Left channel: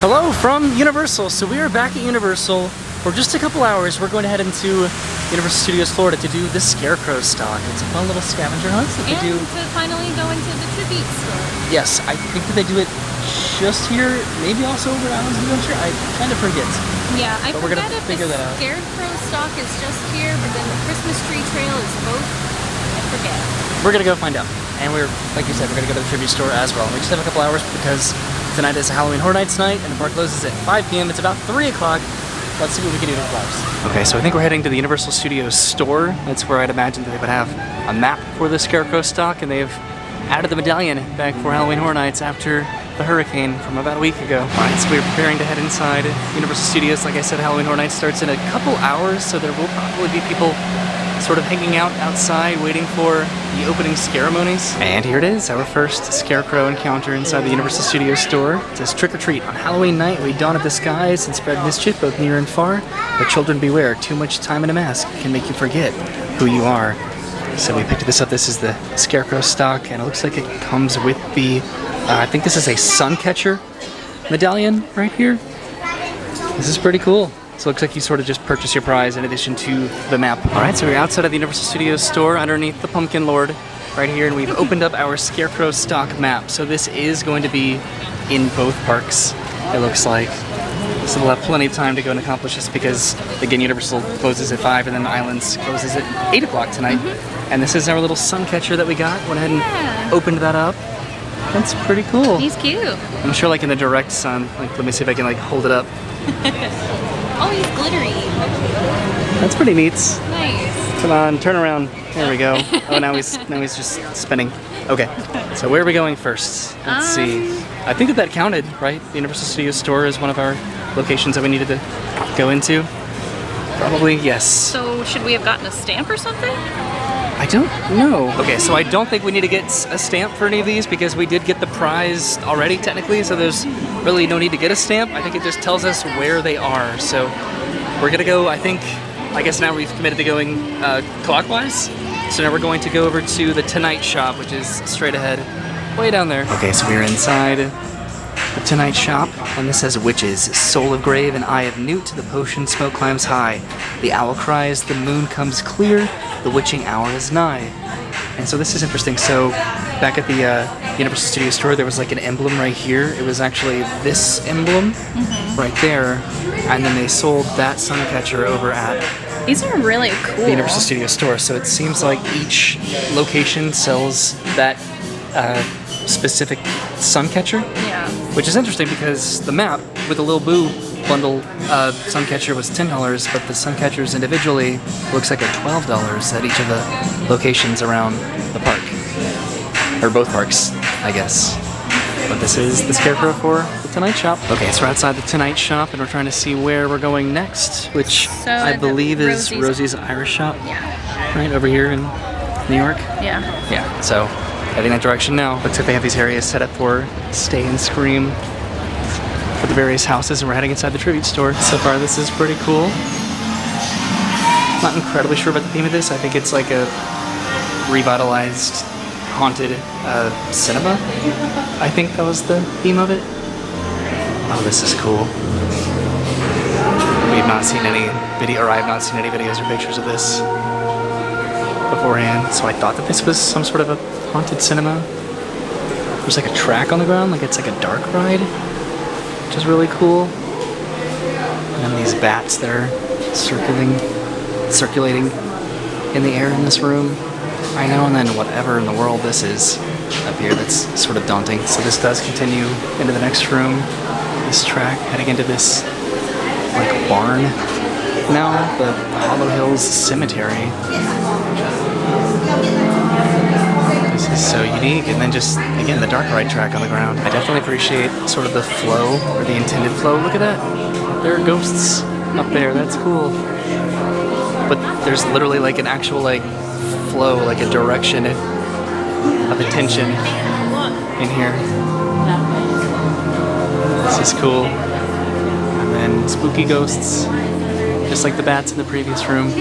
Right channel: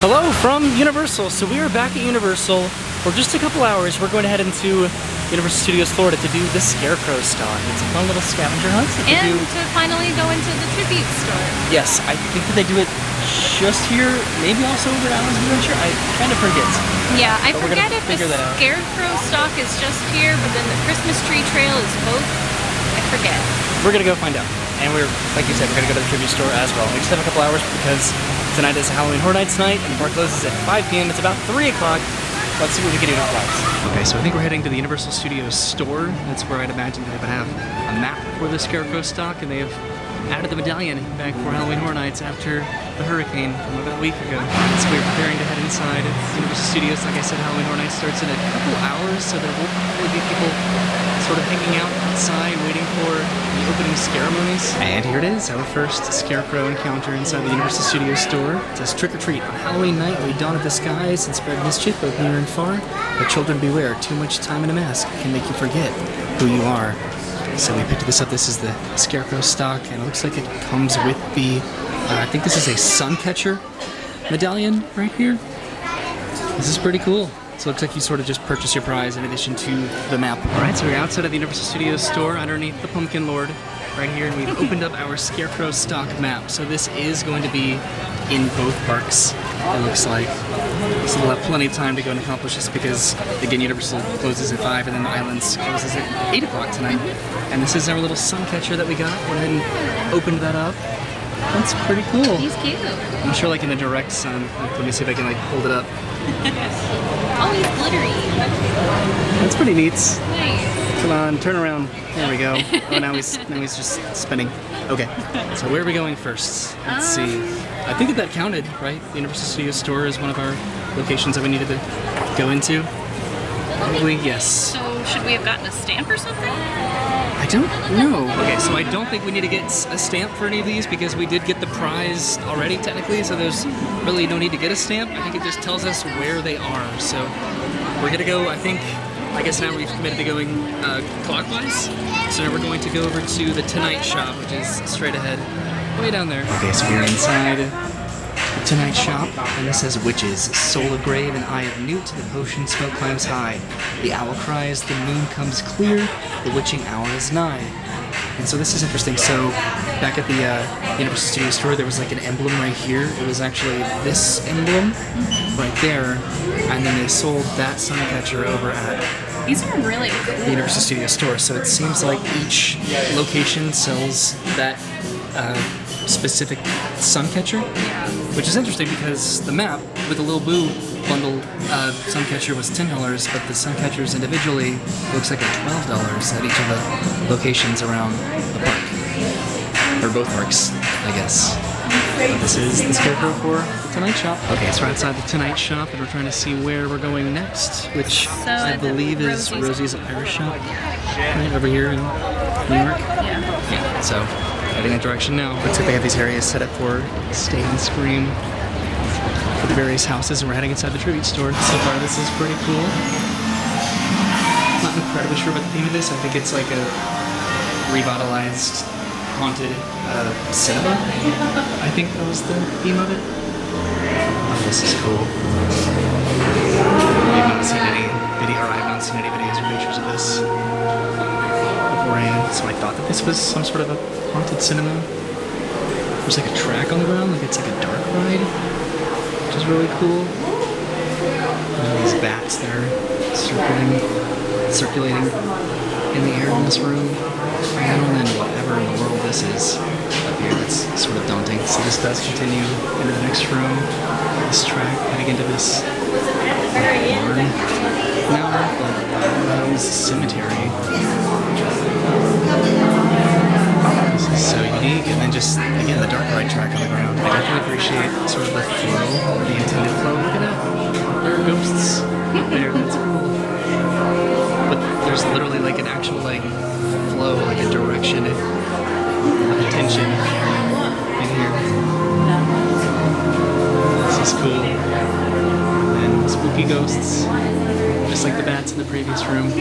Hello from Universal. So we are back at Universal for just a couple hours. We're going to head into Universal Studios Florida to do the Scarecrow Stalk. It's a fun little scavenger hunt that they do. And to finally go into the tribute store. Yes, I think that they do it just here, maybe also over at Allen's Adventure. I kind of forget. Yeah, I But we're forget gonna if figure the that out. Scarecrow Stalk is just here, but then the Christmas tree trail is both. I forget. We're gonna go find out. And we're, like you said, we're gonna go to the tribute store as well. We just have a couple hours because tonight is Halloween Horror Nights night, and the park closes at 5 p.m. It's about 3 o'clock. Let's see what we can do in a couple hours. Okay, so I think we're heading to the Universal Studios store. That's where I'd imagine they would have a map for the Scarecrow Stalk, and they've added the medallion back for Halloween Horror Nights after the hurricane from about a week ago. Alright, so we're preparing to head inside Universal Studios. Like I said, Halloween Horror Nights starts in a couple hours, so there will probably be people sort of hanging out outside waiting for the opening ceremonies. And here it is, our first Scarecrow encounter inside the Universal Studios store. It says, trick or treat. On Halloween night, we dawn at the skies and spread mischief both near and far. But children beware, too much time in a mask can make you forget who you are. So we picked this up. This is the Scarecrow Stalk, and it looks like it comes with the, I think this is a sun catcher medallion right here. This is pretty cool. So it looks like you sort of just purchase your prize in addition to the map. Alright, so we're outside of the Universal Studios store underneath the Pumpkin Lord right here, and we've opened up our Scarecrow Stalk map. So this is going to be in both parks, it looks like. So we'll have plenty of time to go and accomplish this because, again, Universal closes at 5 and then the Islands closes at 8 o'clock tonight. And this is our little sun catcher that we got. Went ahead and opened that up. That's pretty cool. He's cute. I'm sure like in the direct sun. Like, let me see if I can like hold it up. Oh, he's glittery. That's pretty neat. Nice. Come on, turn around. There we go. Oh, now he's just spinning. Okay, so where are we going first? Let's see. I think that counted, right? The Universal Studios store is one of our locations that we needed to go into. Probably, yes. So, should we have gotten a stamp or something? I don't know. Okay, so I don't think we need to get a stamp for any of these because we did get the prize already, technically, so there's really no need to get a stamp. I think it just tells us where they are. So we're gonna go, I guess now we've committed to going clockwise. So now we're going to go over to the Tonight Shop, which is straight ahead, way down there. Okay, so we're inside the Tonight Shop, and this says witches, soul of grave and eye of newt, the potion smoke climbs high. The owl cries, the moon comes clear, the witching hour is nigh. And so this is interesting. So back at the Universal Studios store, there was like an emblem right here. It was actually this emblem right there, and then they sold that sun catcher over at These are really cool. the Universal Studios store. So it seems like each location sells that specific sun catcher. Yeah. Which is interesting because the map with the Lil Boo bundle suncatcher was $10, but the suncatchers individually looks like at $12 at each of the locations around the park. Or both parks, I guess. But this is the Scarecrow for the Tonight Shop. Okay, so we're outside the Tonight Shop and we're trying to see where we're going next, which I believe is Rosie's Irish Shop. Yeah. Right over here in New York. Yeah. Yeah, so heading that direction now. Looks like they have these areas set up for Stay and Scream for the various houses, and we're heading inside the tribute store. So far, this is pretty cool. Not incredibly sure about the theme of this. I think it's like a revitalized, haunted cinema. I think that was the theme of it. Oh, this is cool. We've not seen any video, or I have not seen any videos or pictures of this beforehand, so I thought that this was some sort of a haunted cinema. There's like a track on the ground, like it's like a dark ride, which is really cool. And these bats that are circulating in the air in this room. I know, and then whatever in the world this is up here that's sort of daunting. So this does continue into the next room. This track heading into this like barn now, the Hollow Hills Cemetery. This is so unique, and then just, again, the dark ride track on the ground. I definitely appreciate sort of the flow, or the intended flow. Look at that. There are ghosts up there. That's cool. But there's literally like an actual like flow, like a direction of attention in here. This is cool. And spooky ghosts, just like the bats in the previous room.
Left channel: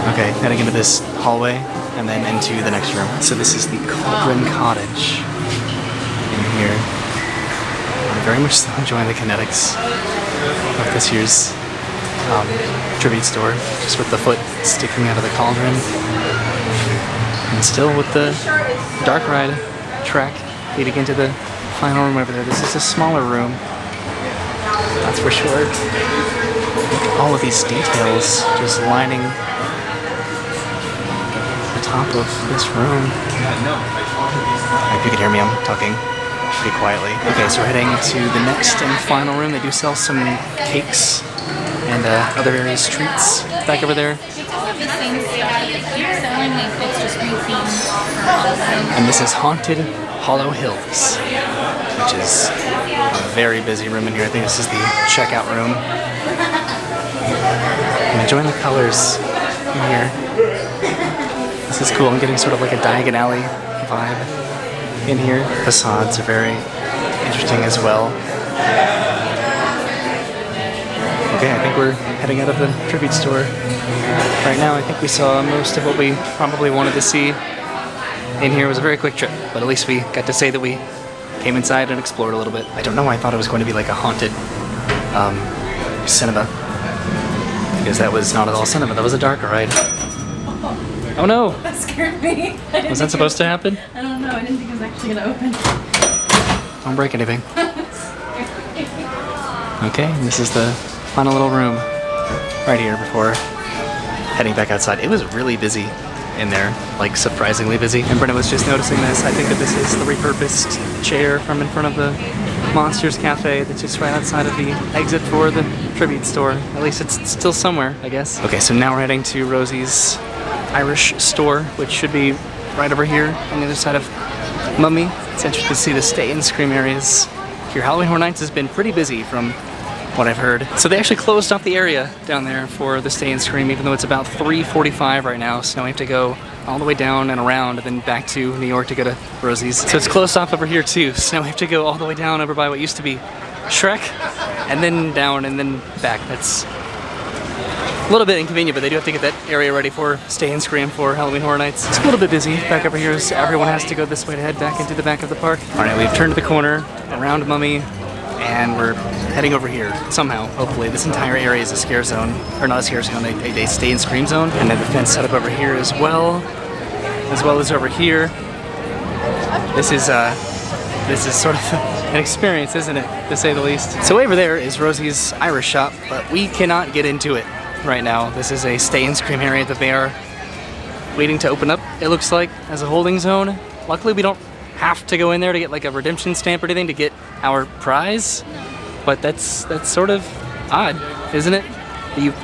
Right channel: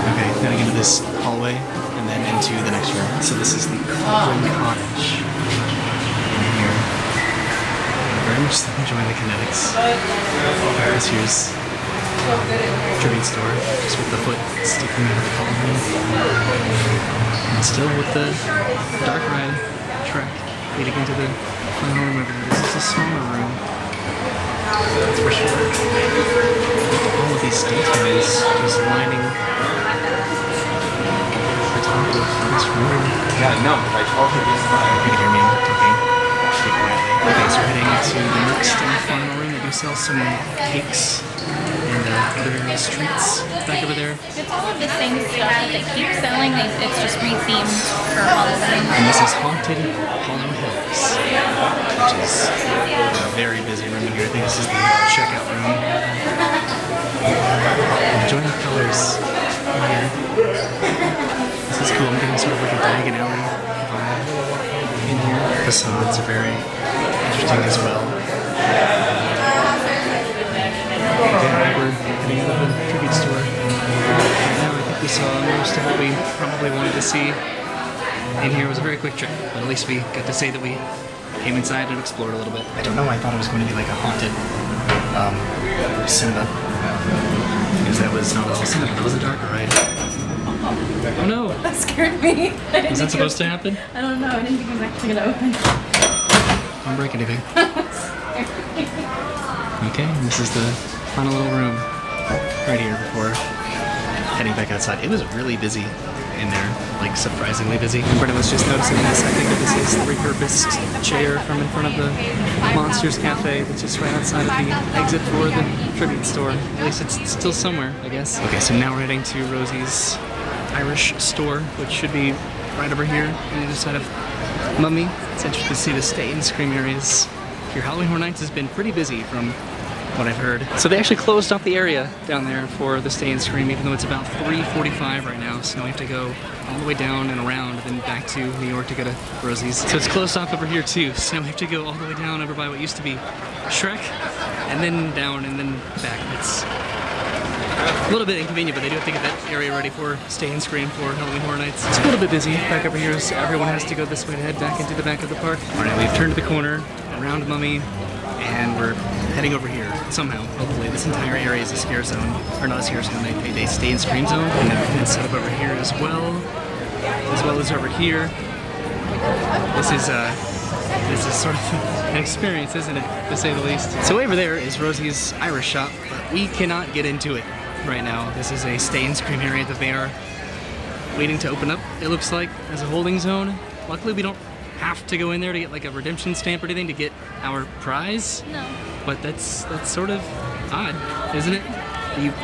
Okay, heading into this hallway and then into the next room. So this is the Cauldron Cottage in here. very much enjoying the kinetics of this year's tribute store, just with the foot sticking out of the cauldron. And still with the dark ride track leading into the final room over there. This is a smaller room, that's for sure. All of these details just lining the top of this room. You can hear me, I'm talking pretty quietly. Okay, so heading to the next and final room. They do sell some cakes and other treats back over there. It's all of the same stuff that they keep selling. It's just rethemed for Halloween. And this is Haunted Hollow Hills, which is a very busy room in here. I think this is the checkout room. Enjoying the colors in here. This is cool. I'm getting sort of like a Diagon Alley vibe in here. Facades are very interesting as well. Okay, I think we're heading out of the tribute store right now. I think we saw most of what we probably wanted to see in here. It was a very quick trip, but at least we got to say that we came inside and explored a little bit. I don't know why I thought it was going to be like a haunted cinema, because that was not at all cinema. That was a dark ride. Oh no! That scared me. Was that supposed to happen? I don't know. I didn't think it was actually going to open. Don't break anything. Okay, and this is the final little room right here before heading back outside. It was really busy in there, like surprisingly busy. And Brenna was just noticing this. I think that this is a repurposed chair from in front of the Monsters Cafe that's just right outside of the exit for the tribute store. At least it's still somewhere, I guess. Okay, so now we're heading to Rosie's Irish store, which should be right over here on the other side of Mummy. It's interesting to see the Stay and Scream areas. Your Halloween Horror Nights has been pretty busy from what I've heard. So they actually closed off the area down there for the Stay and Scream, even though it's about 3:45 right now. So we have to go all the way down and around and then back to New York to go to Rosie's. So it's closed off over here too. So we have to go all the way down over by what used to be Shrek, and then down and then back. That's a little bit inconvenient, but they do have to get that area ready for Stay and Scream for Halloween Horror Nights. It's a little bit busy back over here, so everyone has to go this way to head back into the back of the park. All right, we've turned the corner around Mummy, and we're heading over here somehow. Hopefully, this entire area is a scare zone, or not a scare zone, a Stay and Scream zone. And they have a fence set up over here as well as over here. This is sort of an experience, isn't it, to say the least? So over there is Rosie's Irish shop, but we cannot get into it right now. This is a Stay and Scream area that they are waiting to open up, it looks like, as a holding zone. Luckily, we don't have to go in there to get like a redemption stamp or anything to get our prize. No. But that's sort of odd, isn't it? You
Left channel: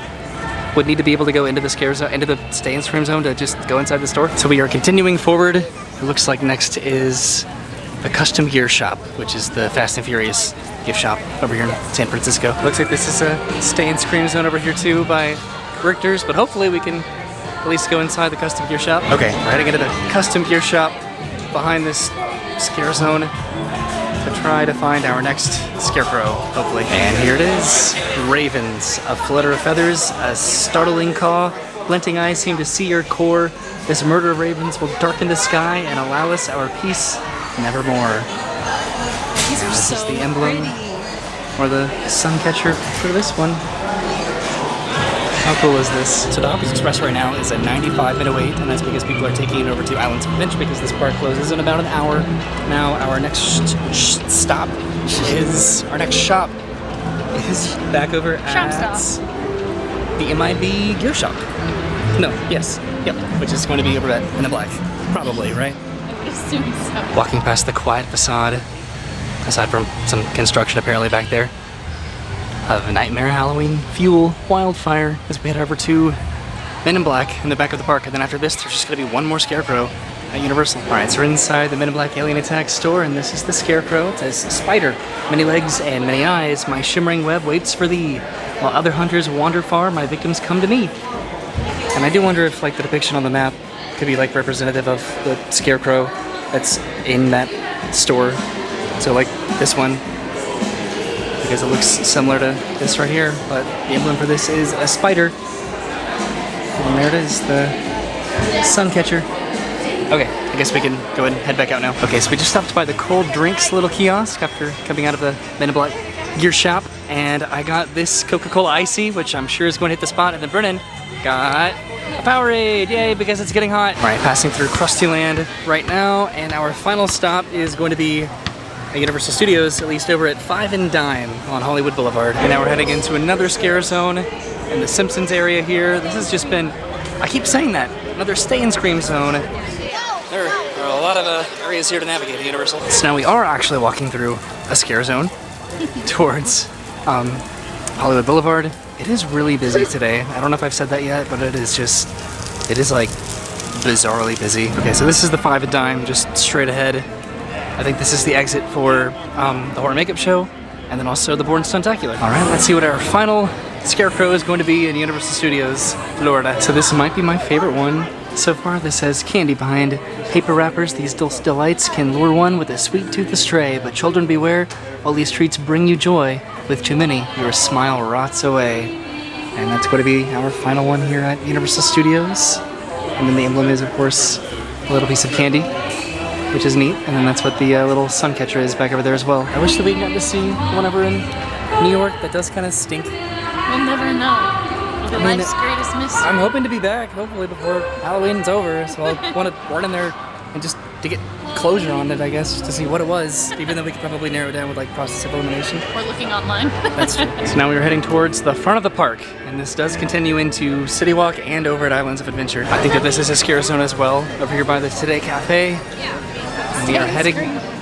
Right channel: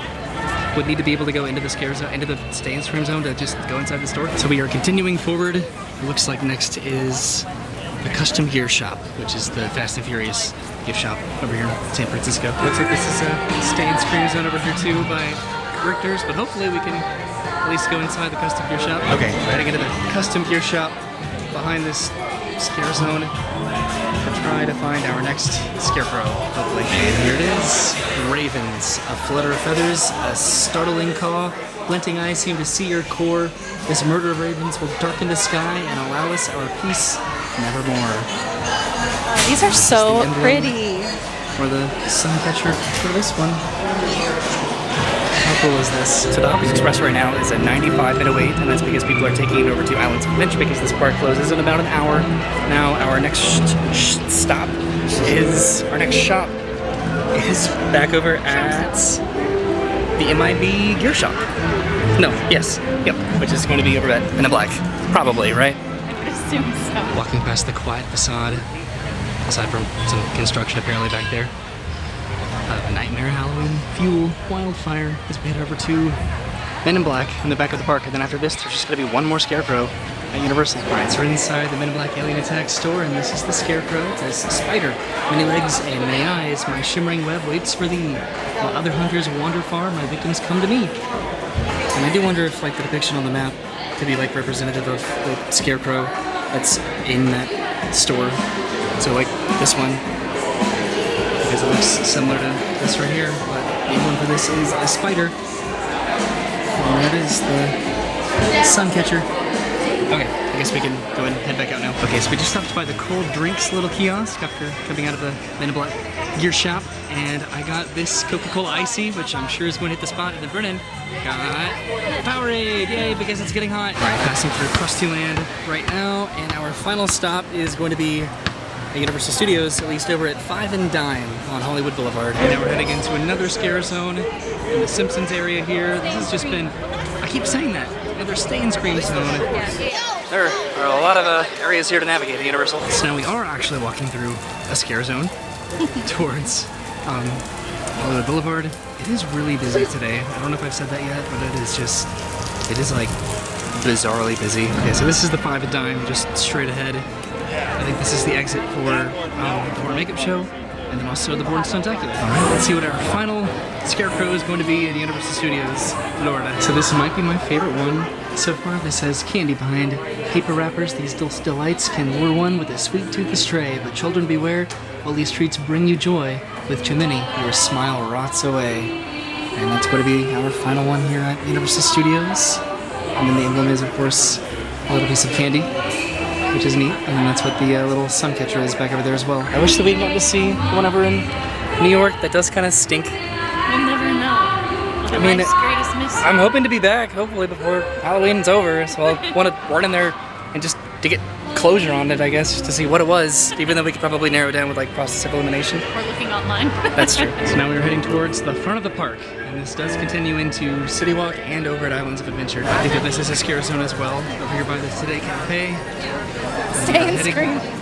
would need to be able to go into the scare zone, into the Stay and Scream zone to just go inside the store. So we are continuing forward. It looks like next is the Custom Gear Shop, which is the Fast and Furious gift shop over here in San Francisco. Looks like this is a Stay and Scream zone over here too by Richter's, but hopefully we can at least go inside the Custom Gear Shop. Okay, we're heading into the Custom Gear Shop behind this scare zone to try to find our next Scarecrow, hopefully. And here it is. Ravens, a flutter of feathers, a startling caw, glinting eyes seem to see your core. This murder of ravens will darken the sky and allow us our peace nevermore. These are so the pretty. Or the sun catcher for this one. How cool is this? So the Hawkins Express right now is a 95-minute wait, and that's because people are taking it over to Islands of Adventure because this park closes in about an hour. Now our next shop is back over at the MIB Gear Shop. No, yes, yep, which is going to be over at Men in Black, probably, right? I would assume so. Walking past the quiet facade, aside from some construction apparently back there. A Nightmare Halloween Fuel Wildfire as we head over to Men in Black in the back of the park. And then after this, there's just going to be one more Scarecrow at Universal. Alright, so we're inside the Men in Black Alien Attack store, and this is the Scarecrow. It says, "Spider, many legs and many eyes, my shimmering web waits for thee. While other hunters wander far, my victims come to me." And I do wonder if like the depiction on the map could be like representative of the Scarecrow that's in that store. So like this one, because it looks similar to this right here, but the emblem for this is a spider. And there it is, the sun catcher. Okay, I guess we can go ahead and head back out now. Okay, so we just stopped by the cold drinks little kiosk after coming out of the Men in Black gear shop, and I got this Coca-Cola Icy, which I'm sure is going to hit the spot, and then Brennan got Powerade, yay, because it's getting hot. All right, passing through Krusty Land right now, and our final stop is going to be at Universal Studios, at least over at 5 and Dime on Hollywood Boulevard. And now we're heading into another scare zone in the Simpsons area here. This has just been, I keep saying that, another stay and scream zone. There are a lot of areas here to navigate at Universal. So now we are actually walking through a scare zone towards Hollywood Boulevard. It is really busy today. I don't know if I've said that yet, but it is like bizarrely busy. Okay, so this is the 5 and Dime, just straight ahead. I think this is the exit for the horror makeup show, and then also the Born Stuntacular. All right, let's see what our final Scarecrow is going to be in Universal Studios, Florida. So this might be my favorite one so far. This says, candy behind paper wrappers. These delights can lure one with a sweet tooth astray, but children beware, while these treats bring you joy. With too many, your smile rots away. And that's going to be our final one here at Universal Studios. And then the emblem is, of course, a little piece of candy, which is neat. And then that's what the little sun catcher is back over there as well. I wish that we got to see the one over in New York. That does kind of stink. We'll never know. I mean, Life's greatest mystery. I'm hoping to be back, hopefully before Halloween's over. So I'll want to run in there and just to get closure on it, I guess, just to see what it was, even though we could probably narrow it down with like process of elimination. We're looking online. That's true. So now we're heading towards the front of the park, and this does continue into City Walk and over at Islands of Adventure. I think that this is a scare zone as well, over here by the Today Cafe.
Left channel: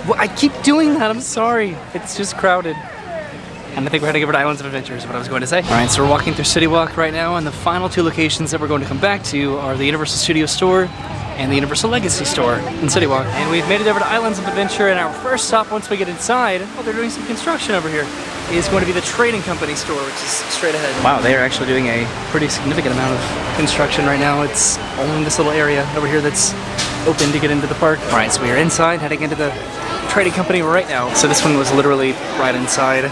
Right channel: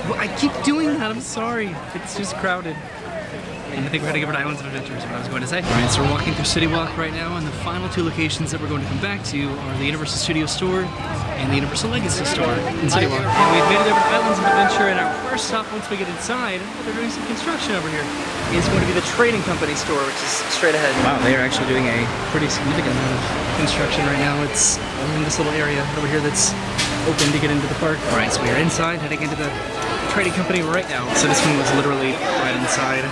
Well, I keep doing that, I'm sorry. It's just crowded. And I think we're heading over to Islands of Adventure is what I was going to say. All right, so we're walking through City Walk right now, and the final two locations that we're going to come back to are the Universal Studios store and the Universal Legacy store in City Walk. And we've made it over to Islands of Adventure, and our first stop once we get inside, well, they're doing some construction over here, is going to be the Trading Company store, which is straight ahead. Wow, they are actually doing a pretty significant amount of construction right now. It's only in this little area over here that's open to get into the park. All right, so we are inside, heading into the Trading Company right now. So this one was literally right inside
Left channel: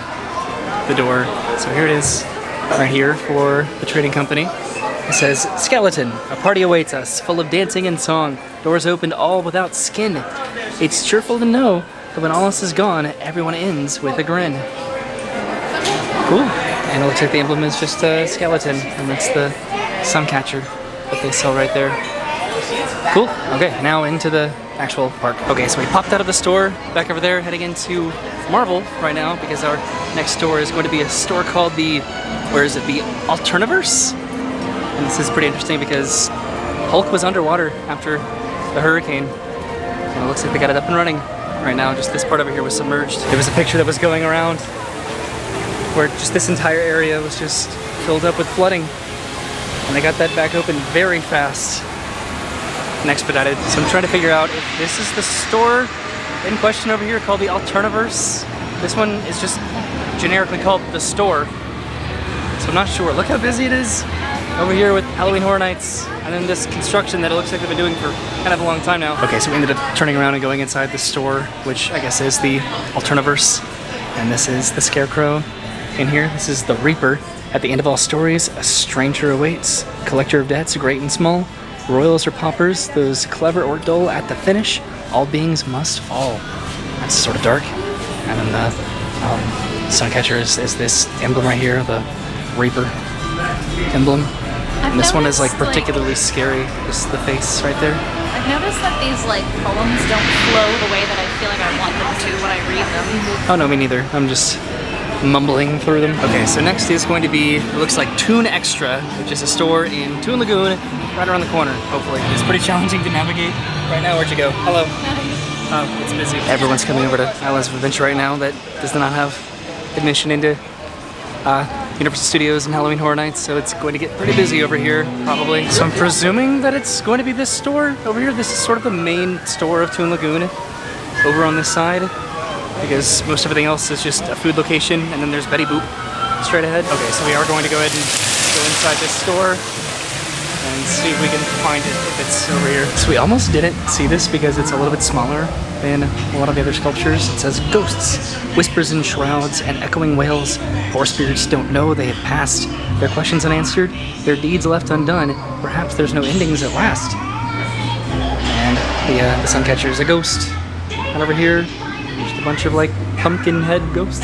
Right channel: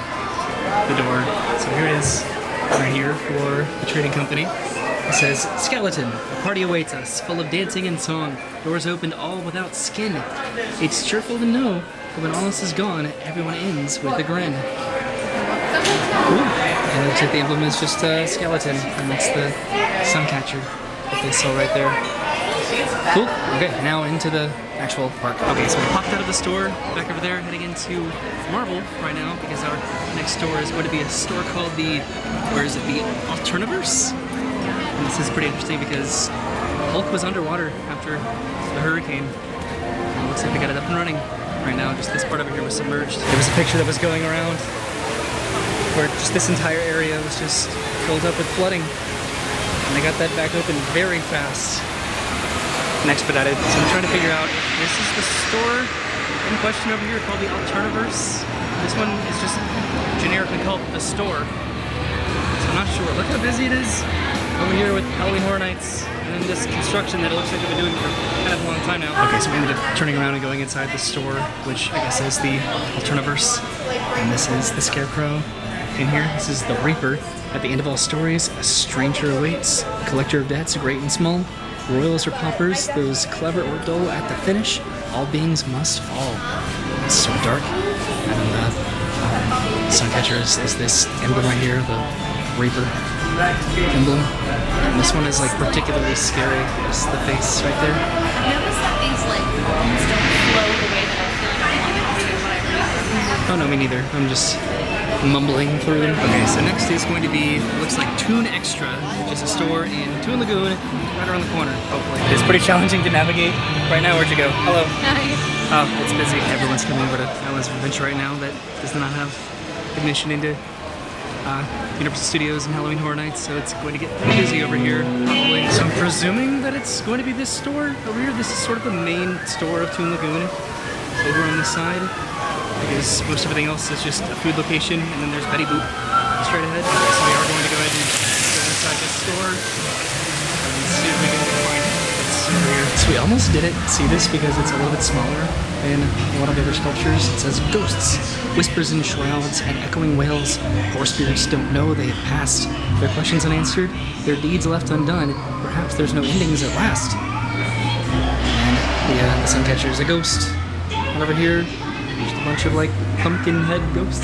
the door. So here it is, right here for the Trading Company. It says, Skeleton, a party awaits us, full of dancing and song. Doors opened all without skin. It's cheerful to know that when all else is gone, everyone ends with a grin. Cool. And it looks like the emblem is just a skeleton, and that's the sun catcher that they sell right there. Cool. Okay, now into the actual park. Okay, so we popped out of the store, back over there, heading into Marvel right now, because our next store is going to be a store called the, where is it, the Alterniverse? And this is pretty interesting because Hulk was underwater after the hurricane. And it looks like they got it up and running right now. Just this part over here was submerged. There was a picture that was going around where just this entire area was just filled up with flooding. And they got that back open very fast and expedited. So I'm trying to figure out if this is the store in question over here called the Alterniverse. This one is just generically called the store. So I'm not sure. Look how busy it is over here with Halloween Horror Nights, and then this construction that it looks like they've been doing for kind of a long time now. Okay, so we ended up turning around and going inside the store, which I guess is the Alterniverse. And this is the Scarecrow in here. This is the Reaper. At the end of all stories, a stranger awaits. Collector of debts, great and small. Royals or paupers, those clever or dull at the finish, all beings must fall. That's sort of dark. And then the Suncatcher is this emblem right here, the Reaper emblem. And this one is like particularly scary. Just the face right there. I've noticed that these like poems don't flow the way that I feel like I want them to when I read them. Oh no, me neither. I'm just mumbling through them. Okay, so next is going to be, it looks like Toon Extra, which is a store in Toon Lagoon, right around the corner, hopefully. It's pretty challenging to navigate. Right now, where'd you go? Hello. Hi. Oh, it's busy. Everyone's coming over to Islands of Adventure right now that does not have admission into Universal Studios and Halloween Horror Nights, so it's going to get pretty busy over here, probably. So I'm presuming that it's going to be this store over here. This is sort of the main store of Toon Lagoon, over on this side, because most everything else is just a food location, and then there's Betty Boop straight ahead. Okay, so we are going to go ahead and go inside this store and see if we can find it. It's over here. So we almost didn't see this because it's a little bit smaller than a lot of the other sculptures. It says ghosts, whispers in shrouds, and echoing wails. Poor spirits don't know they have passed. Their questions unanswered, their deeds left undone. Perhaps there's no endings at last. And The sun catcher is a ghost. And over here, there's a bunch of like pumpkin head ghosts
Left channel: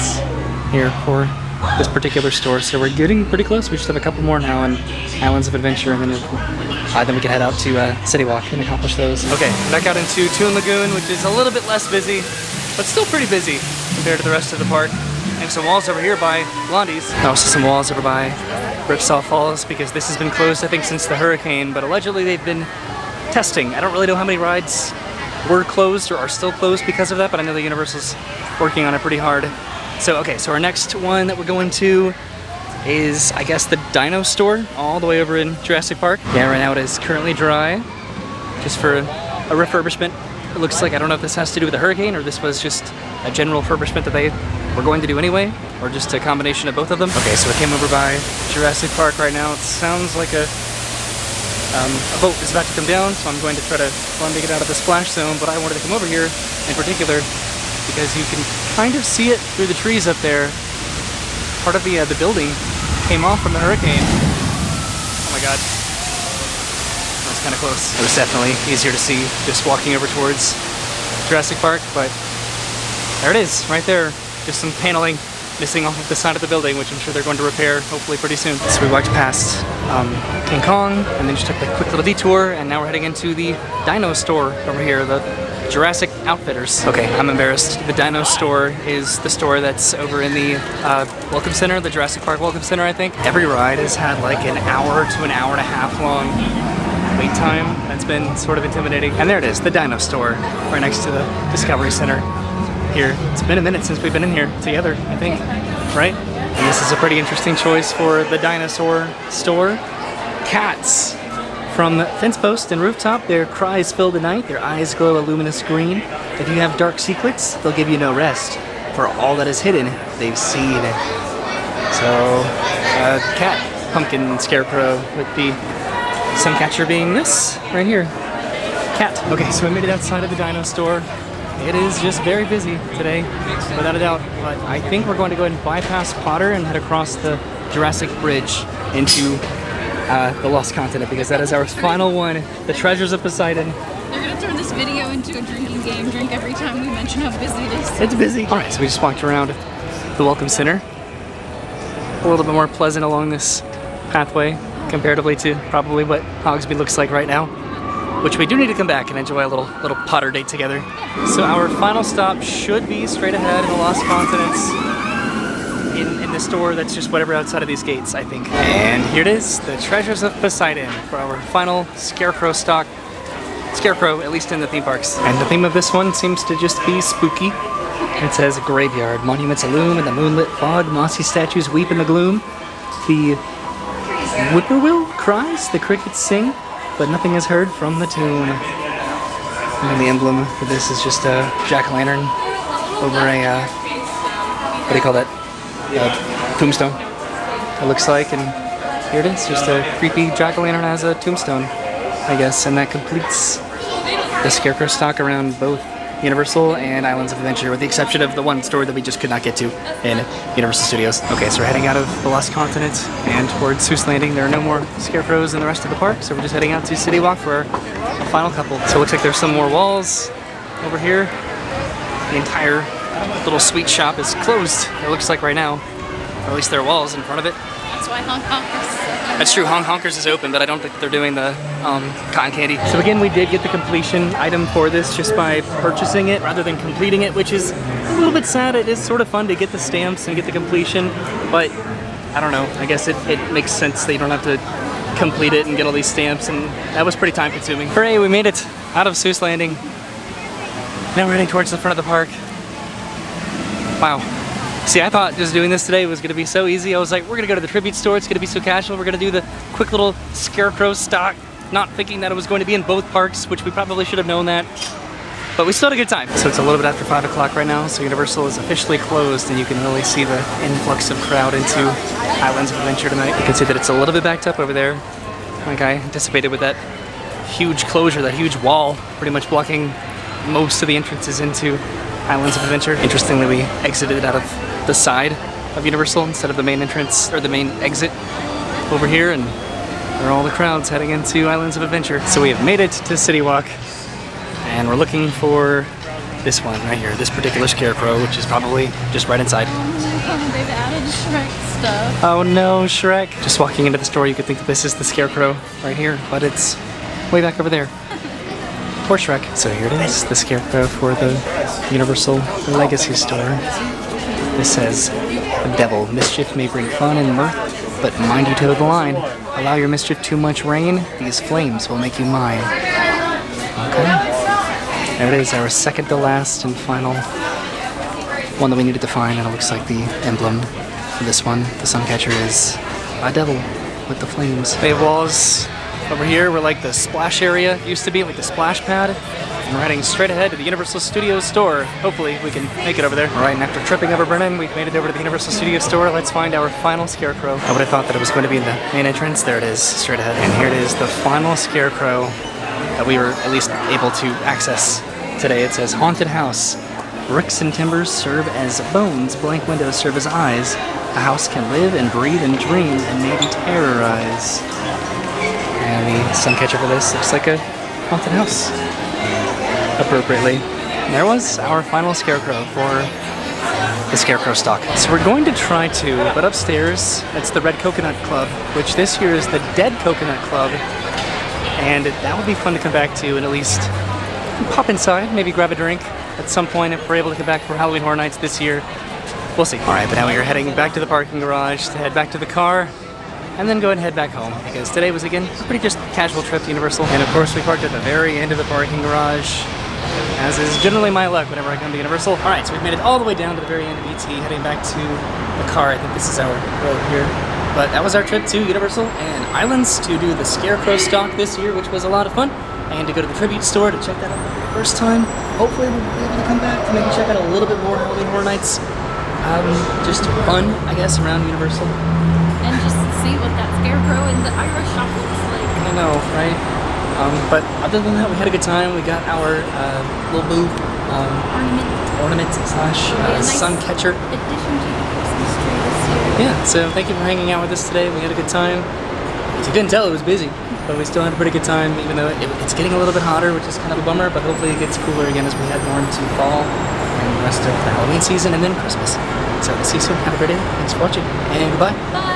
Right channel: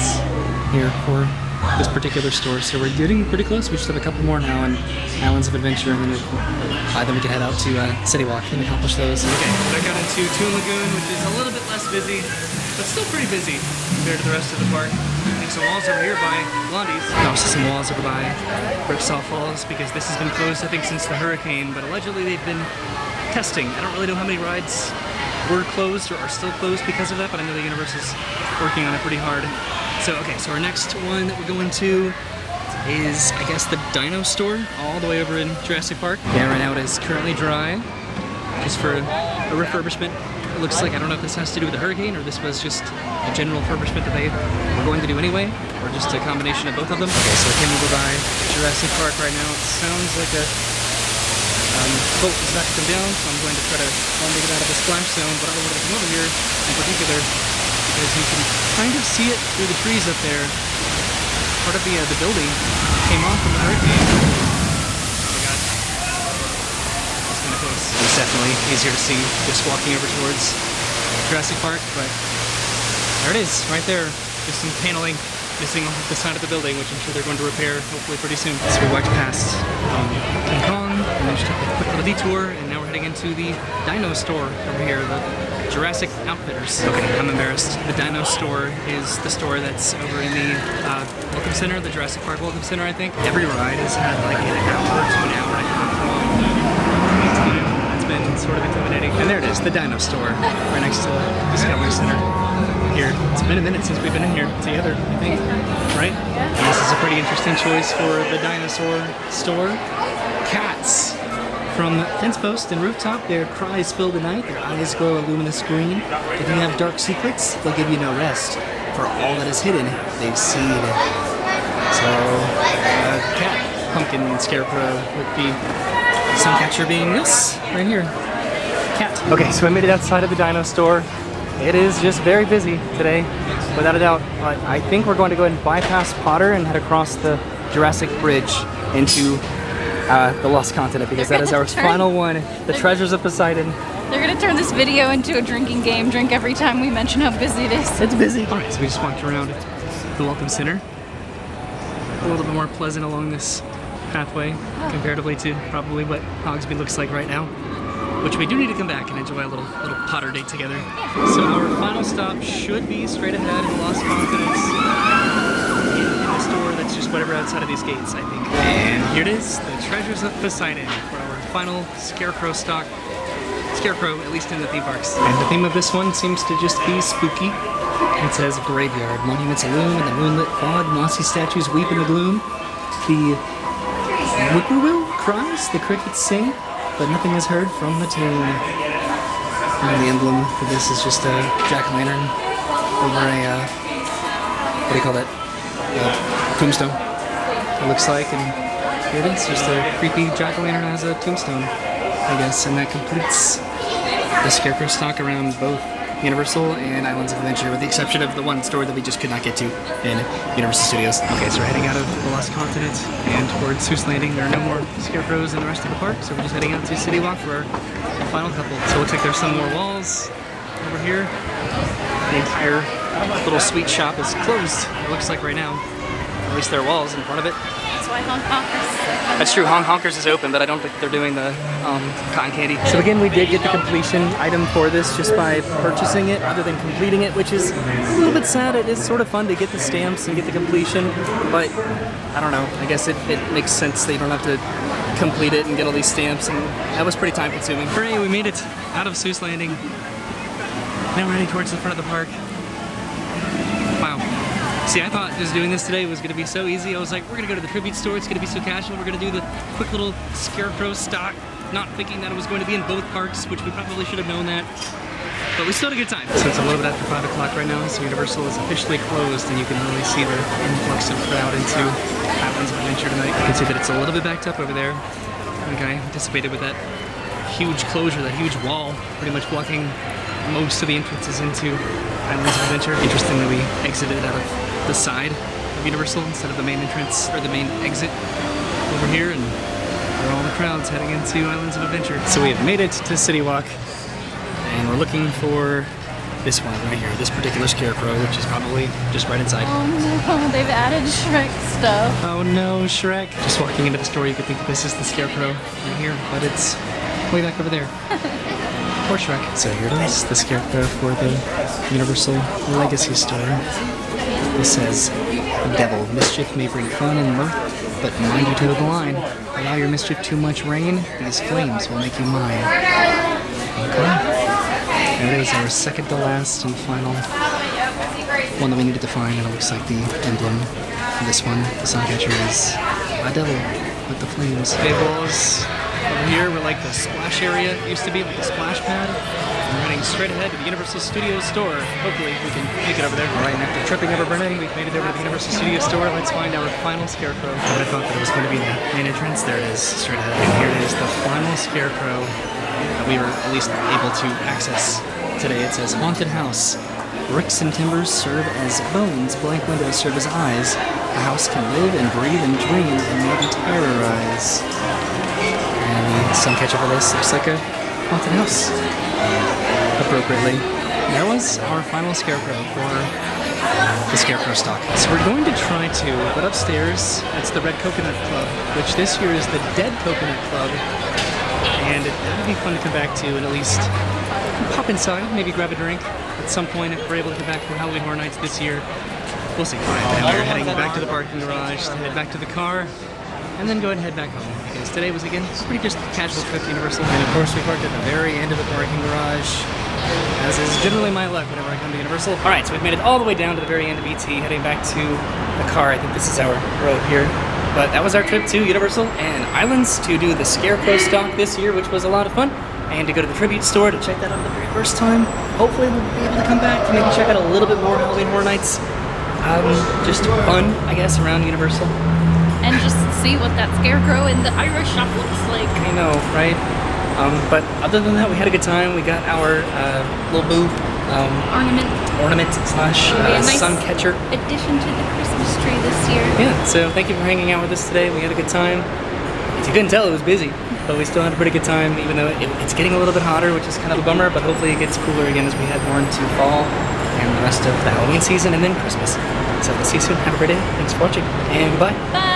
here for this particular store. So we're getting pretty close. We just have a couple more now in Islands of Adventure, and then we can head out to City Walk and accomplish those. Okay, back out into Toon Lagoon, which is a little bit less busy, but still pretty busy compared to the rest of the park. And some walls over here by Blondie's. And also some walls over by Ripsaw Falls, because this has been closed, I think, since the hurricane, but allegedly they've been testing. I don't really know how many rides were closed or are still closed because of that, but I know the Universal's working on it pretty hard. So, okay, so our next one that we're going to is, I guess, the Dino Store, all the way over in Jurassic Park. Yeah, right now it is currently dry, just for a refurbishment. It looks like, I don't know if this has to do with the hurricane or this was just a general refurbishment that they were going to do anyway, or just a combination of both of them. Okay, so it came over by Jurassic Park right now. It sounds like a boat is about to come down, so I'm going to try to run to get out of the splash zone, but I wanted to come over here in particular because you can kind of see it through the trees up there. Part of the building came off from the hurricane. Oh my god. That's kind of close. It was definitely easier to see just walking over towards Jurassic Park, but there it is, right there. There's some paneling missing off of the side of the building, which I'm sure they're going to repair hopefully pretty soon. So we walked past King Kong, and then just took a quick little detour, and now we're heading into the Dino Store over here, the Jurassic Outfitters. Okay, I'm embarrassed. The Dino Store is the store that's over in the Welcome Center, the Jurassic Park Welcome Center, I think. Every ride has had like an hour to an hour and a half long wait time. That's been sort of intimidating. And there it is, the Dino Store, right next to the Discovery Center. Here. It's been a minute since we've been in here together, I think, right? And this is a pretty interesting choice for the dinosaur store. Cats from Fence Post and Rooftop, their cries fill the night, their eyes glow a luminous green. If you have dark secrets, they'll give you no rest. For all that is hidden, they've seen. So, cat, pumpkin, scarecrow, with the suncatcher being this right here. Cat. Okay, so I made it outside of the dino store. It is just very busy today, without a doubt. But I think we're going to go ahead and bypass Potter and head across the Jurassic Bridge into the Lost Continent, because that is our final one, the Treasures of Poseidon. They're gonna turn this video into a drinking game. Drink every time we mention how busy it is. It's busy. All right, so we just walked around the Welcome Center. A little bit more pleasant along this pathway, comparatively to probably what Hogsby looks like right now. Which we do need to come back and enjoy a little Potter date together. Yeah. So our final stop should be straight ahead in the Lost Continents in the store that's just whatever outside of these gates, I think. And here it is, the Treasures of Poseidon for our final Scarecrow Stalk. Scarecrow, at least in the theme parks. And the theme of this one seems to just be spooky. It says graveyard, monuments illume in the moonlit fog, mossy statues weep in the gloom. The whippoorwill cries, the crickets sing, but nothing is heard from the tune. And the emblem for this is just a jack-o'-lantern over a, what do you call that? Tombstone, it looks like. And here it is, just a creepy jack-o'-lantern as a tombstone, I guess. And that completes the Scarecrow Stalk around both Universal and Islands of Adventure, with the exception of the one store that we just could not get to in Universal Studios. Okay, so we're heading out of the Lost Continent and towards Seuss Landing. There are no more scarecrows in the rest of the park, so we're just heading out to City Walk for our final couple. So it looks like there's some more walls over here. The entire little sweet shop is closed, it looks like right now. Or at least there are walls in front of it. That's why Honk Honkers is open. That's true, Honk Honkers is open, but I don't think they're doing the cotton candy. So again, we did get the completion item for this just by purchasing it rather than completing it, which is a little bit sad. It is sort of fun to get the stamps and get the completion, but I don't know, I guess it makes sense that you don't have to complete it and get all these stamps, and that was pretty time consuming. Hooray, we made it out of Seuss Landing. Now we're heading towards the front of the park. Wow. See, I thought just doing this today was going to be so easy. I was like, we're going to go to the tribute store. It's going to be so casual. We're going to do the quick little Scarecrow Stalk, not thinking that it was going to be in both parks, which we probably should have known that. But we still had a good time. So it's a little bit after 5 o'clock right now, so Universal is officially closed, and you can really see the influx of crowd into Islands of Adventure tonight. You can see that it's a little bit backed up over there, like I anticipated, with that huge closure, that huge wall pretty much blocking most of the entrances into Islands of Adventure. Interestingly, we exited out of the side of Universal instead of the main entrance, or the main exit over here, and there are all the crowds heading into Islands of Adventure. So we have made it to City Walk, And we're looking for this one right here, this particular Scarecrow, which is probably just right inside. Oh no, they've added Shrek stuff. Oh no, Shrek. Just walking into the store, you could think this is the Scarecrow right here, but it's way back over there. Poor Shrek. So here it is, the Scarecrow for the Universal Legacy store. It says, "The devil, mischief may bring fun and mirth, but mind you toe the line. Allow your mischief too much rain, these flames will make you mine." Okay. There it is, our second to last and final one that we needed to find, and it looks like the emblem for this one, the sun catcher, is a devil with the flames. The walls over here were like the splash area used to be, like the splash pad. And we're heading straight ahead to the Universal Studios store. Hopefully we can make it over there. All right, and after tripping over Brennan, we've made it over to the Universal Studios store. Let's find our final Scarecrow. I would have thought that it was going to be in the main entrance. There it is, straight ahead. And here it is, the final Scarecrow that we were at least able to access today. It says, "Haunted House. Bricks and timbers serve as bones. Blank windows serve as eyes. A house can live and breathe and dream and maybe terrorize." And the sun catcher for this looks like a haunted house. Appropriately. And there was our final Scarecrow for the Scarecrow Stalk. So we're going to try to, but upstairs it's the Red Coconut Club, which this year is the Dead Coconut Club. And that would be fun to come back to and at least pop inside, maybe grab a drink at some point if we're able to come back for Halloween Horror Nights this year. We'll see. Alright, but now we're heading back to the parking garage to head back to the car and then go ahead and head back home, because today was again a pretty just casual trip to Universal. And of course we parked at the very end of the parking garage, as is generally my luck whenever I come to Universal. Alright, so we've made it all the way down to the very end of ET, heading back to the car. I think this is our road here. But that was our trip to Universal and Islands to do the Scarecrow Stalk this year, which was a lot of fun. And to go to the tribute store to check that out for the very first time. Hopefully we'll be able to come back to maybe check out a little bit more Halloween Horror Nights. Just fun, I guess, around Universal. And just see what that Scarecrow in the Irish shop looks like. I know, right? But other than that, we had a good time. We got our little boob ornament slash nice sun catcher addition to the Christmas tree this year. Yeah, so thank you for hanging out with us today. We had a good time. As you couldn't tell, it was busy, but we still had a pretty good time, even though it's getting a little bit hotter, which is kind of a bummer, but hopefully it gets cooler again as we head more into fall and the rest of the Halloween season and then Christmas. So we'll see you soon. Have a great day. Thanks for watching, and goodbye. Bye.